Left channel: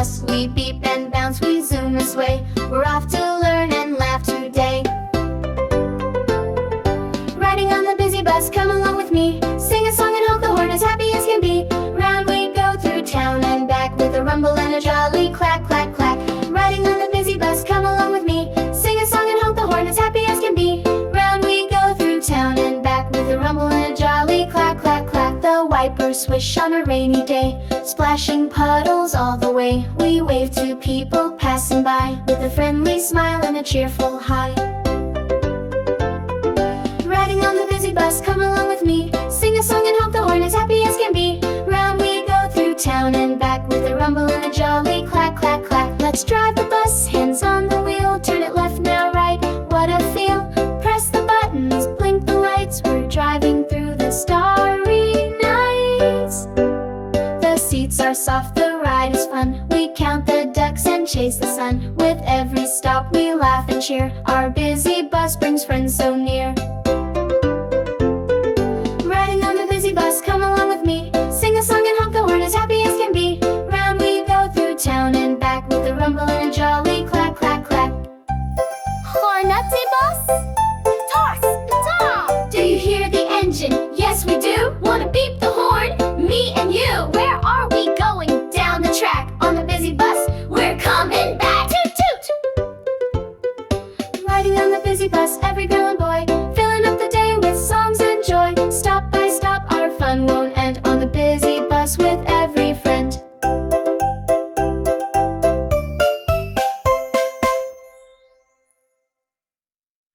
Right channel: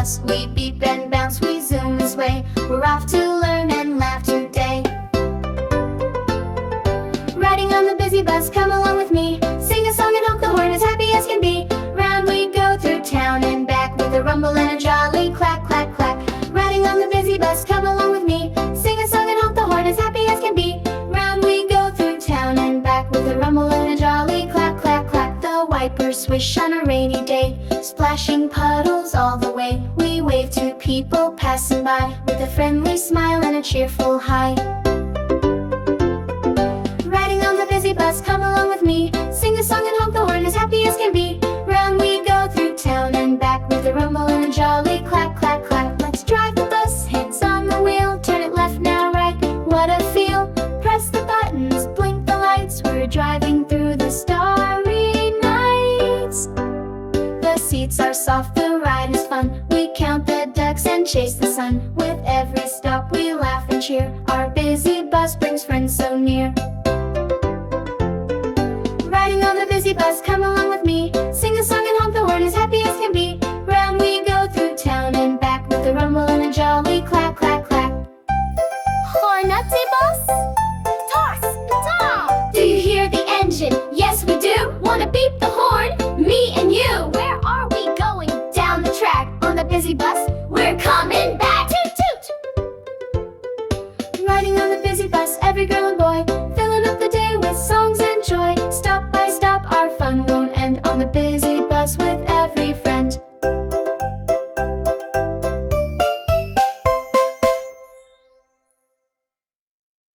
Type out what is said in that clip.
bus. We beep and bounce, we zoom and sway. We're off to learn and laugh today. Riding on the busy bus, come along with me. Sing a song and honk the horn as happy as can be. Round we go through town and back with a rumble and a jolly clack, clack, clack. Riding on the busy bus, come along with me. Sing a song and honk the horn as happy as can be. Round we go through town and back with a rumble and a jolly clack, clack, clack. The wipers swish on a rainy day, splashing puddles all the way. We wave to people passing by with a friendly smile and a cheerful hi. Riding on the busy bus, come along with me. Sing a song and honk the horn as happy as can be. Round we go through town and back with a rumble and a jolly clack, clack, clack. Let's drive the bus, hands on the wheel. Turn it left, now right, what a feel. Press the buttons, blink the lights. We're driving through the starry nights. The seats are soft, the ride is fun. We count the ducks and chase the sun. With every stop we laugh and cheer. Our busy bus brings friends so near. Riding on the busy bus, come along with me. Sing a song and honk the horn as happy as can be. Round we go through town and back with a rumble and a jolly clack, clack, clack. Hornutty bus, toss the top. Do you hear the engine? Yes, we do. Wanna beep the horn? Me and you. Where are we going? Down the track on the busy bus. We're coming back. Toot toot. Riding on the busy bus.